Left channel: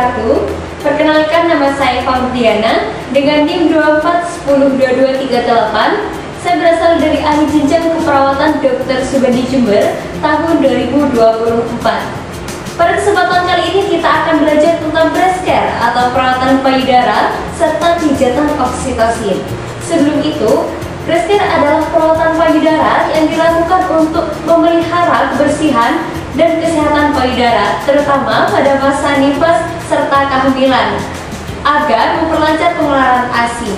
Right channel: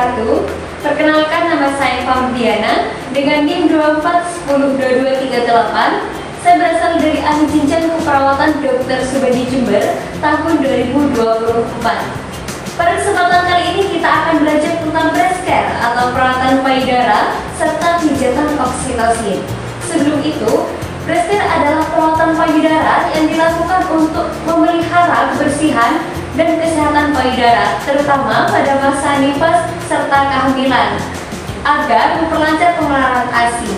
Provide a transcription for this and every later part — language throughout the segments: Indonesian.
wabarakatuh. Perkenalkan, nama saya Faurdiana dengan NIM 24102238. Saya berasal dari ahli jenjang keperawatan Dr. Subandi Jember tahun 2024. Pada kesempatan kali ini kita akan belajar tentang breast care atau perawatan payudara serta pijatan oksitosin. Sebelum itu, breast care adalah perawatan payudara yang dilakukan untuk memelihara kebersihan dan kesehatan payudara, terutama pada masa nifas serta kehamilan, agar memperlancar pengeluaran ASI.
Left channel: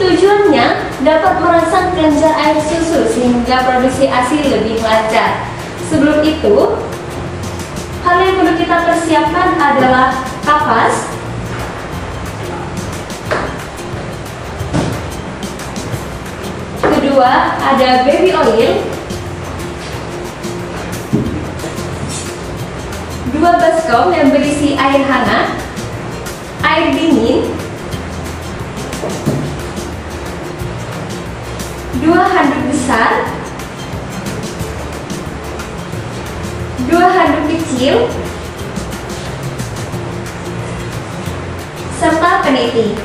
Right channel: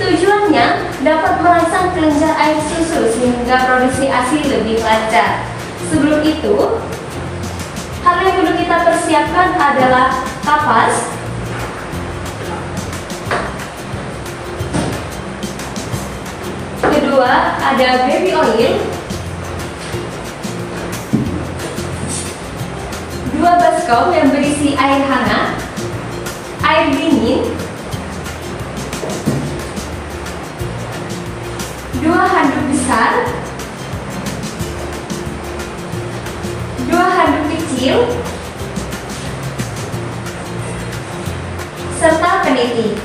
Tujuannya dapat merangsang kelenjar air susu sehingga produksi ASI lebih lancar. Sebelum itu, hal yang perlu kita persiapkan adalah kapas, kedua ada baby oil, 2 baskom yang berisi air hangat, air dingin, 2 handuk besar, 2 handuk kecil, serta peniti.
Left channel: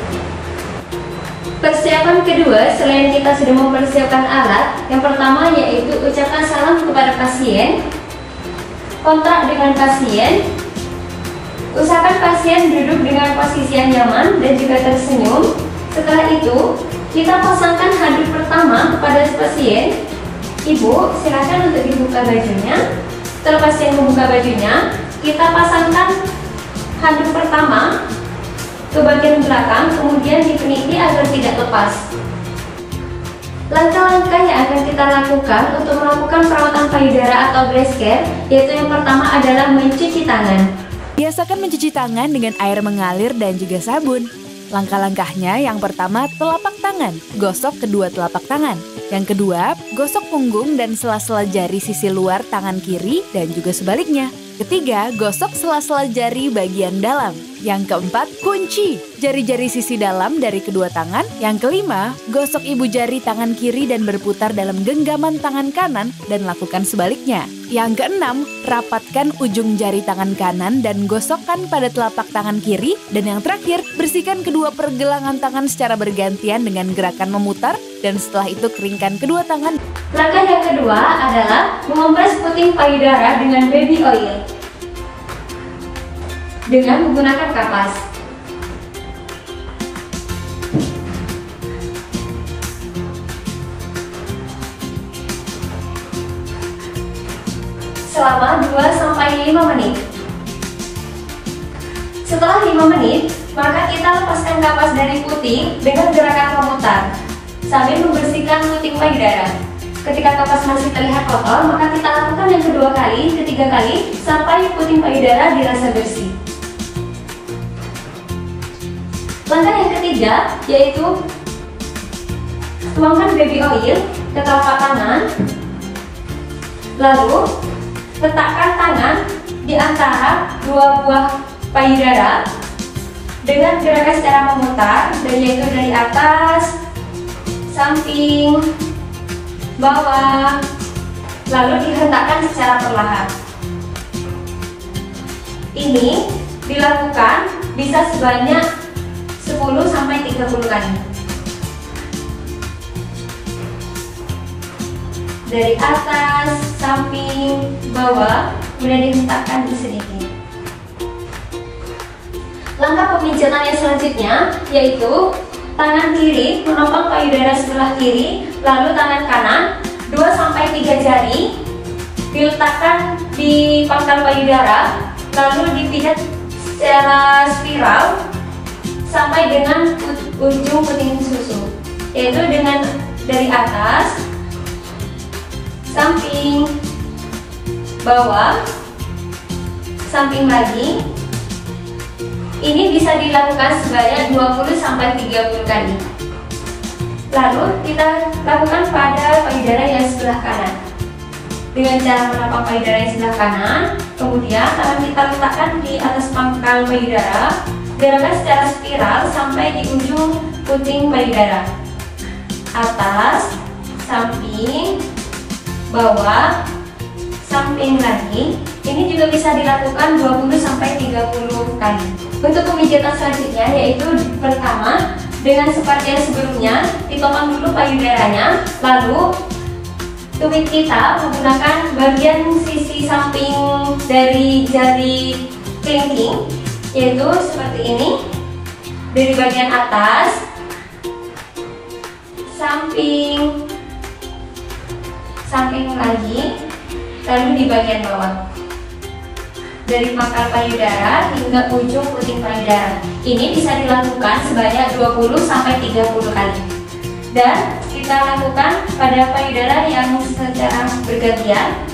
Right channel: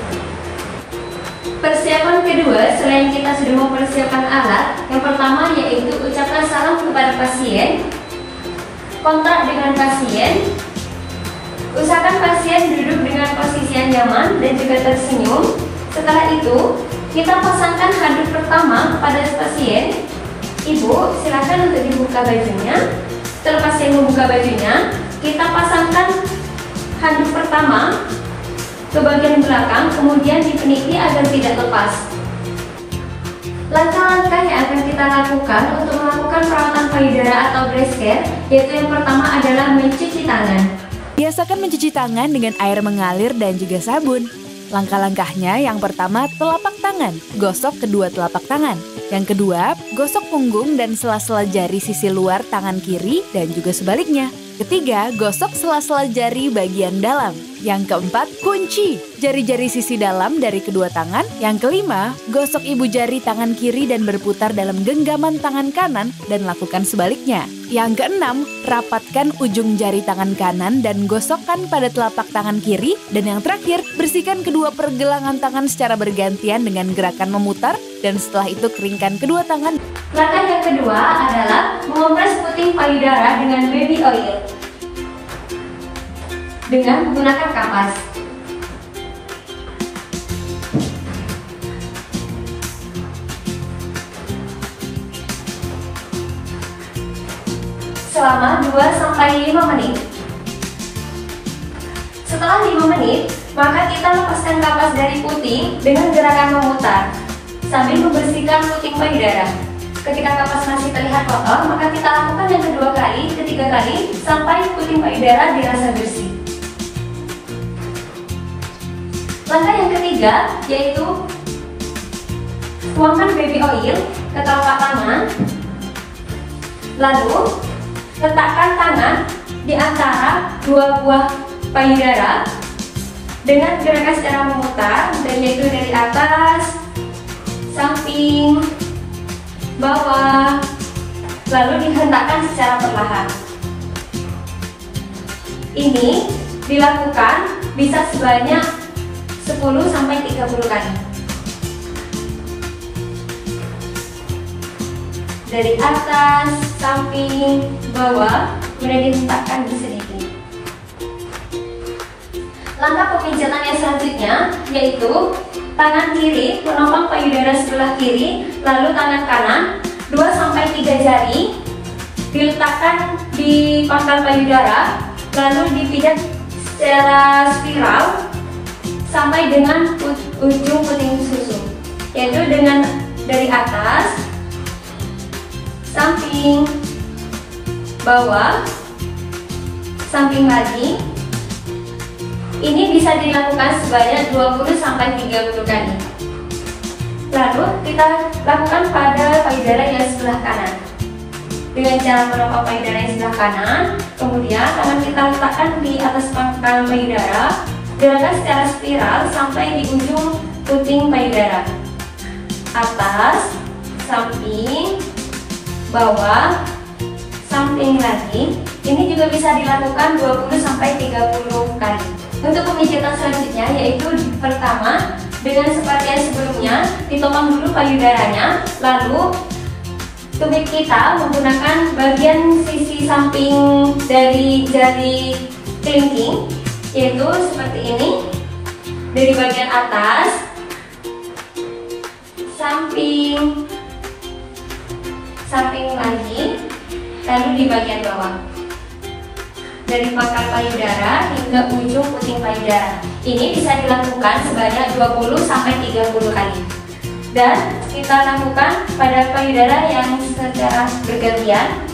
Persiapan kedua, selain kita sudah mempersiapkan alat, yang pertama yaitu ucapkan salam kepada pasien, kontak dengan pasien, usahakan pasien duduk dengan posisi yang nyaman dan juga tersenyum. Setelah itu, kita pasangkan handuk pertama kepada pasien. Ibu, silakan untuk dibuka bajunya. Setelah pasien membuka bajunya, kita pasangkan handuk pertama ke bagian belakang, kemudian dipeniti agar tidak lepas. Langkah-langkah yang akan kita lakukan untuk melakukan perawatan payudara atau breast care, yaitu yang pertama adalah mencuci tangan. Biasakan mencuci tangan dengan air mengalir dan juga sabun. Langkah-langkahnya, yang pertama telapak tangan, gosok kedua telapak tangan. Yang kedua, gosok punggung dan sela-sela jari sisi luar tangan kiri dan juga sebaliknya. Ketiga, gosok sela-sela jari bagian dalam. Yang keempat, kunci jari-jari sisi dalam dari kedua tangan. Yang kelima, gosok ibu jari tangan kiri dan berputar dalam genggaman tangan kanan dan lakukan sebaliknya. Yang keenam, rapatkan ujung jari tangan kanan dan gosokkan pada telapak tangan kiri. Dan yang terakhir, bersihkan kedua pergelangan tangan secara bergantian dengan gerakan memutar dan setelah itu keringkan kedua tangan. Langkah yang kedua adalah mengompres puting payudara dengan baby oil dengan menggunakan kapas. Selama 2-5 menit. Setelah 5 menit, maka kita lepaskan kapas dari puting dengan gerakan memutar sambil membersihkan puting payudara. Ketika kapas masih terlihat kotor, maka kita lakukan yang kedua kali, ketiga kali, sampai puting payudara dirasa bersih. Langkah yang ketiga yaitu tuangkan baby oil ke telapak tangan, lalu letakkan tangan di antara dua buah payudara dengan gerakan secara memutar, dan yaitu dari atas, samping, bawah, lalu dihentakkan secara perlahan. Ini dilakukan bisa sebanyak 10-30 kali. Dari atas, samping, bawah, kemudian dihentakkan sedikit. Langkah pemijatan yang selanjutnya yaitu tangan kiri menopang payudara sebelah kiri, lalu tangan kanan 2-3 jari diletakkan di pangkal payudara, lalu dipikat secara spiral sampai dengan ujung puting susu, yaitu dengan dari atas, samping, bawah, samping lagi. Ini bisa dilakukan sebanyak 20-30 kali. Lalu kita lakukan pada payudara yang sebelah kanan dengan cara menopang payudara yang sebelah kanan. Kemudian tangan kita letakkan di atas pangkal payudara, gerakan secara spiral sampai di ujung puting payudara. Atas, samping, bawah, samping lagi. Ini juga bisa dilakukan 20-30 kali. Untuk pemijatan selanjutnya yaitu pertama, dengan seperti yang sebelumnya, ditopang dulu payudaranya, lalu tumit kita menggunakan bagian sisi samping dari jari kelingking, yaitu seperti ini. Dari bagian atas, samping lagi, lalu di bagian bawah. Dari pangkal payudara hingga ujung puting payudara. Ini bisa dilakukan sebanyak 20-30 kali. Dan kita lakukan pada payudara yang secara bergantian,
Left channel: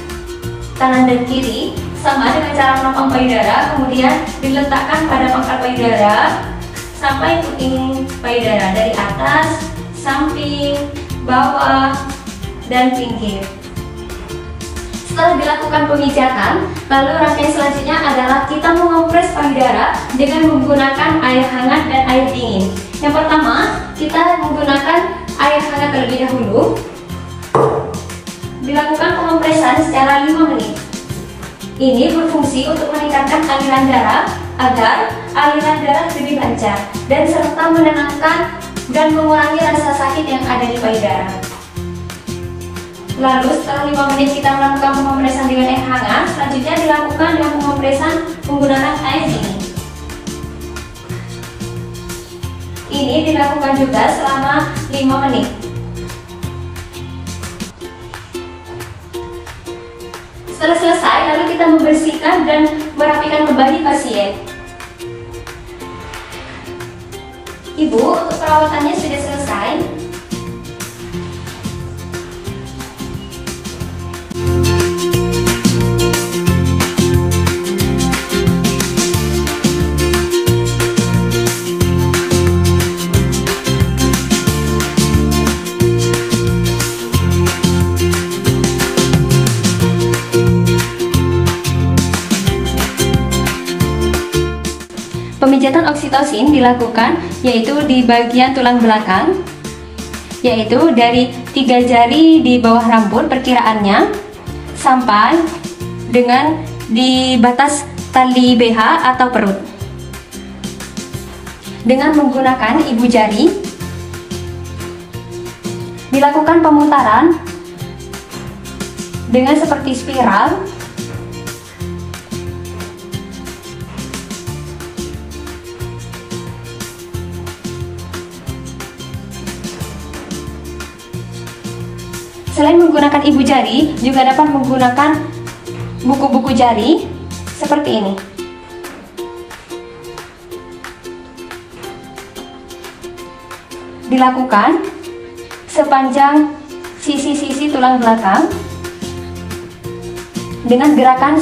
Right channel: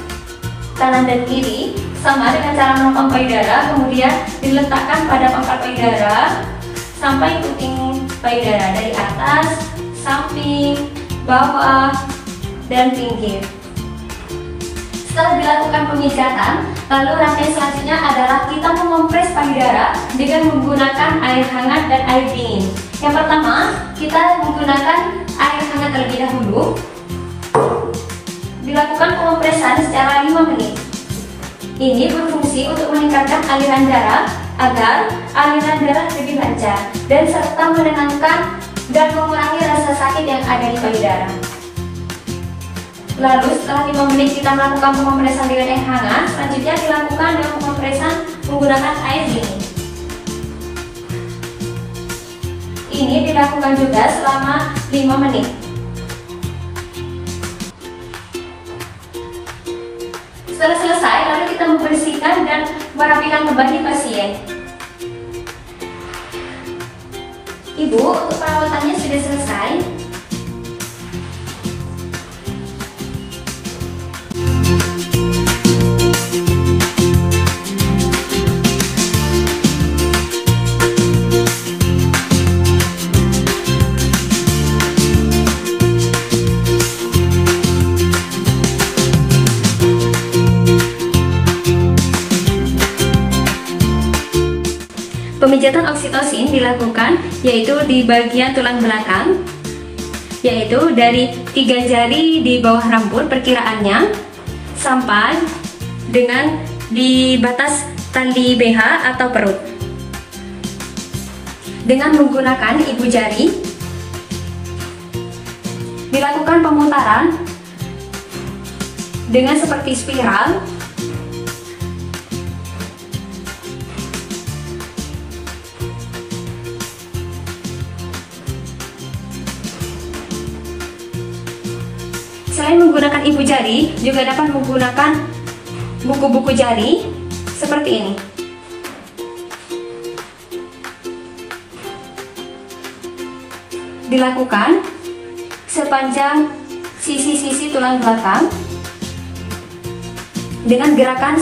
kanan dan kiri, sama dengan cara menopang payudara, kemudian diletakkan pada pangkal payudara sampai puting payudara, dari atas, samping, bawah, dan pinggir. Setelah dilakukan pemijatan, lalu rangkaian selanjutnya adalah kita mengompres payudara dengan menggunakan air hangat dan air dingin. Yang pertama, kita menggunakan air hangat terlebih dahulu. Dilakukan pengompresan secara 5 menit. Ini berfungsi untuk meningkatkan aliran darah agar aliran darah lebih lancar dan serta menenangkan dan mengurangi rasa sakit yang ada di payudara. Lalu setelah 5 menit kita melakukan pengompresan dengan air hangat, selanjutnya dilakukan dengan pengompresan menggunakan air dingin. Ini dilakukan juga selama 5 menit. Setelah selesai, lalu kita membersihkan dan merapikan kembali pasien. Ibu, untuk perawatannya sudah selesai. Pemijatan oksitosin dilakukan yaitu di bagian tulang belakang, yaitu dari 3 jari di bawah rambut perkiraannya sampai dengan di batas tali BH atau perut. Dengan menggunakan ibu jari, dilakukan pemutaran dengan seperti spiral. Selain menggunakan ibu jari, juga dapat menggunakan buku-buku jari seperti ini. Dilakukan sepanjang sisi-sisi tulang belakang dengan gerakan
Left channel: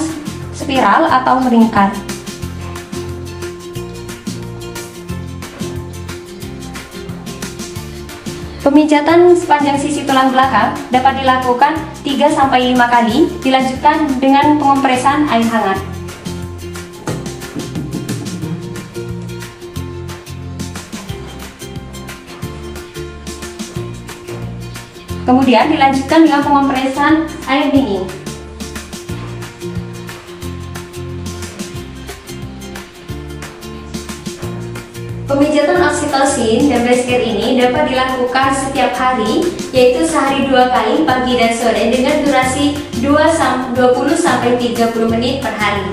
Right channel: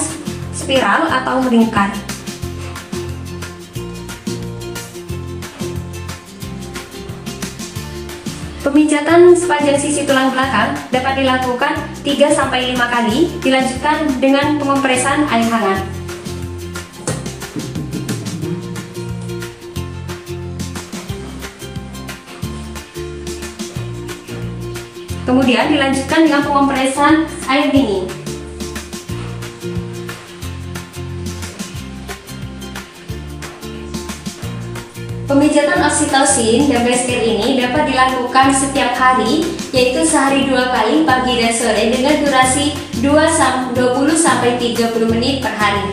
spiral atau melingkar. Pemijatan sepanjang sisi tulang belakang dapat dilakukan 3-5 kali, dilanjutkan dengan pengompresan air hangat. Kemudian dilanjutkan dengan pengompresan air dingin. Pemijatan oksitosin dan breast care ini dapat dilakukan setiap hari, yaitu sehari 2 kali pagi dan sore dengan durasi 20-30 menit per hari.